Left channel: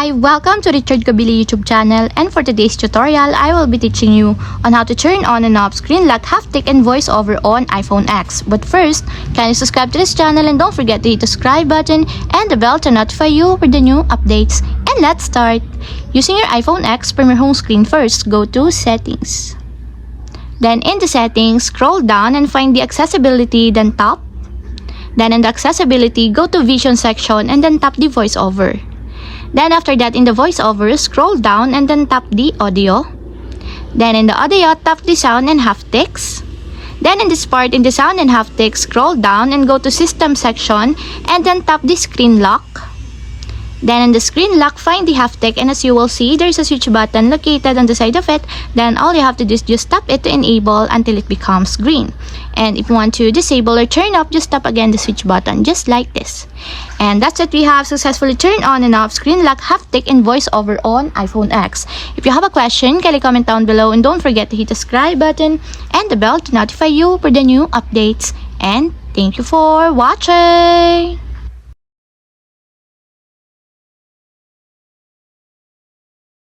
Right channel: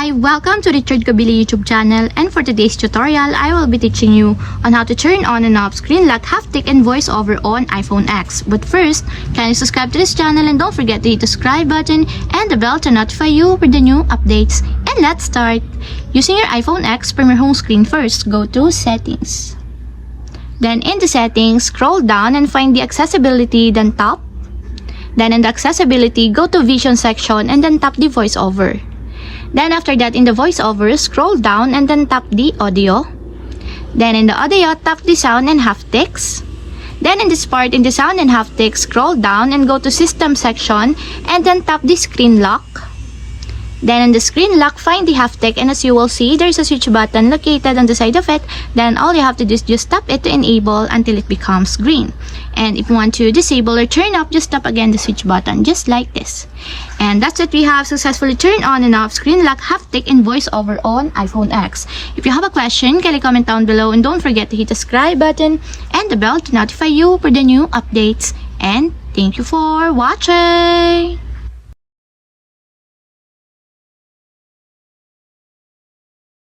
Hi! Welcome to the Richard Kabili YouTube channel, and for today's tutorial, I will be teaching you on how to turn on and off screen lock, haptic, and voiceover on iPhone X. But first, kindly subscribe to this channel and don't forget to hit the subscribe button and the bell to notify you with the new updates. And let's start! Using your iPhone X from your home screen first, go to Settings. Then in the Settings, scroll down and find the Accessibility, then tap. Then in the Accessibility, go to Vision section and then tap the voiceover. Then after that, in the voiceover, scroll down and then tap the audio. Then in the audio, tap the sound and haptics. Then in this part, in the sound and haptics, scroll down and go to system section and then tap the screen lock. Then in the screen lock, find the haptic, and as you will see, there's a switch button located on the side of it. Then all you have to do is just tap it to enable until it becomes green. And if you want to disable or turn off, just tap again the switch button, just like this. And that's it. We have successfully turned on and off screen lock, haptic, and voiceover on iPhone X. If you have a question, kindly comment down below, and don't forget to hit the subscribe button and the bell to notify you for the new updates. And thank you for watching!